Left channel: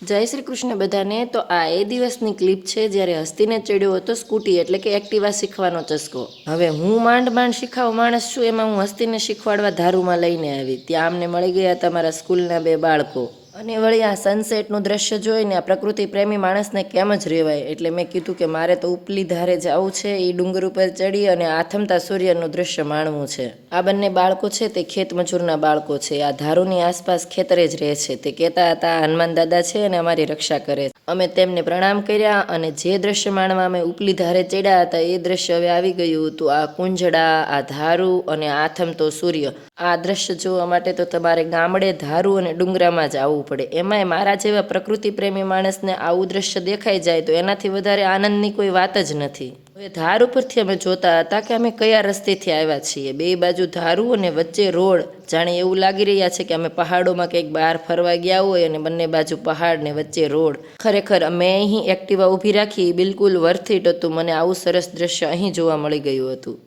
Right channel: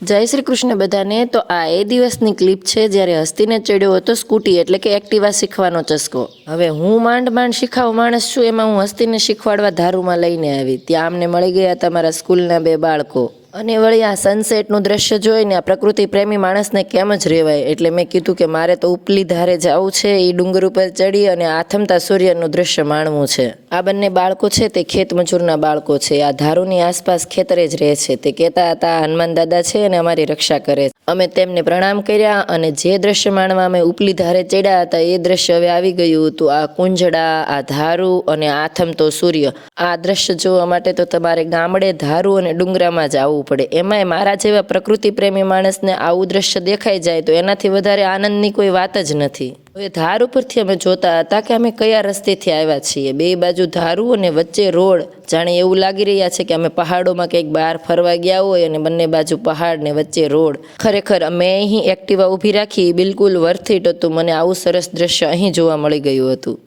જય શ્રી કૃષ્ણ બધાને। તો આ એ દિવસની ક્લિપ છે જ્યારે હસ્તીને ચડ્યો હતો સ્કૂટી એટલે કે એક્ટિવા શીખવાનો ચસ્કો। હવે હું માંડ માંડ શીખાવ માણસ છું, એમાં હું હસ્તીને શીખવાડવા ધારુમાં લઈને આવી। ત્યાં અમને મળી ગયા તમારા સ્કૂલના બે બાળકો, અને વળી આ સનસેટનું દ્રશ્ય જોઈને આ પ્રકૃતિ પ્રેમી માણસને કેમ જ રહેવાય। એટલે મેં કીધું કે મારે તો ઉપલી ધારે જવું છે, એ ડુંગર ઉપર ચડી અને આથમતા સૂર્યનું દ્રશ્ય માણવું છે। આ બંને બાળકો છે તે ખેત મજૂરના બાળકો છે, આ ધારુની આસપાસ ખેતરે જ રહે છે। તે કહેતા હતા હનુમાન દાદા છે અને અમારી રક્ષા કરે છે। અમે તેમને પ્રણામ કર્યા અને જે દ્રશ્ય માણવા અમે ઉપલી ધારે ચડ્યા હતા એ દ્રશ્ય હવે આવી ગયું હતું। આ કુંજડા, આ ધારું અને આથમતો સૂર્ય, આ દ્રશ્ય જોવા માટે તો તમારે ગામડે ધારું અને ડુંગરામાં જ આવવું પડે। એમાંય મારા જેવા પ્રકૃતિ પ્રેમી માણસને આવું દ્રશ્ય દેખાઈ જાય તો એનાથી વધારે આનંદની કોઈ વાત જ નથી। હવે ધાર ઉપરથી અમે જોતા હતા કે અમે કયા રસ્તેથી આવ્યા છીએ। બે બાજુ ધારું અને વચ્ચે રોડ, જાણે એવું લાગી રહ્યા છે કે અમે પહાડોમાં કંઈક બહાર ફરવા ગયા હોય અને બંને બાજુ પહાડ ને વચ્ચે રોડ। ખરેખર અમે અહીં એક્ટિવા ઊભી રાખી બિલકુલ વર્થ ઇટ હતું। મને આવું સરસ દ્રશ્ય અહીં જોવા મળી ગયું હતું।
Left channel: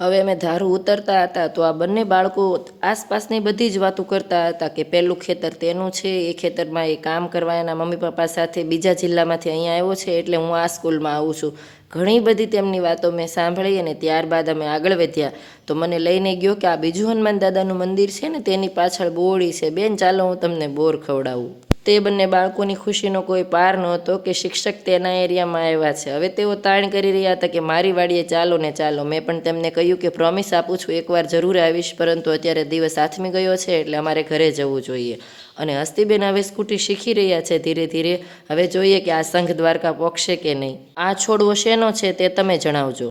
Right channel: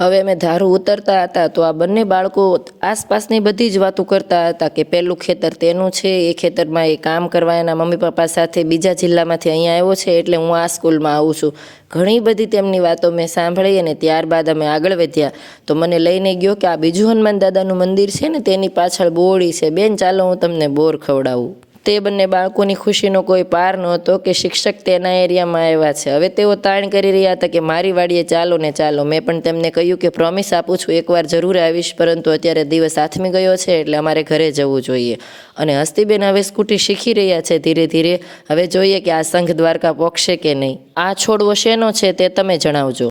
હવે અમે ધારું ઉતરતા હતા તો આ બંને બાળકો આસપાસની બધી જ વાતો કરતા હતા કે પેલું ખેતર તેનું છે, એ ખેતરમાં એ કામ કરવા એના મમ્મી પપ્પા સાથે બીજા જિલ્લામાંથી અહીંયા આવ્યો છે, એટલે હું આ સ્કૂલમાં આવું છું। ઘણી બધી તેમની વાતો મેં સાંભળી અને ત્યારબાદ અમે આગળ વધ્યા તો મને લઈને ગયો કે આ બીજું હનુમાન દાદાનું મંદિર છે ને તેની પાછળ બોરડી છે, બેન ચાલો હું તમને બોર ખવડાવું। તે બંને બાળકોની ખુશીનો કોઈ પાર નહોતો કે શિક્ષક તેના એરિયામાં આવ્યા છે। હવે તેઓ તાણ કરી રહ્યા હતા કે મારી વાડીએ ચાલો ને ચાલો। મેં પણ તેમને કહ્યું કે પ્રોમિસ આપું છું એકવાર જરૂર આવીશ, પરંતુ અત્યારે દિવસ આથમી ગયો છે એટલે અમારે ઘરે જવું જોઈએ। અને હસ્તીબેન હવે સ્કૂટી શીખી રહ્યા છે ધીરે ધીરે। હવે જોઈએ કે આ સંઘ દ્વારકા પહોંચશે કે નહીં। આ છોડવો શેનો છે તે તમે જણાવજો।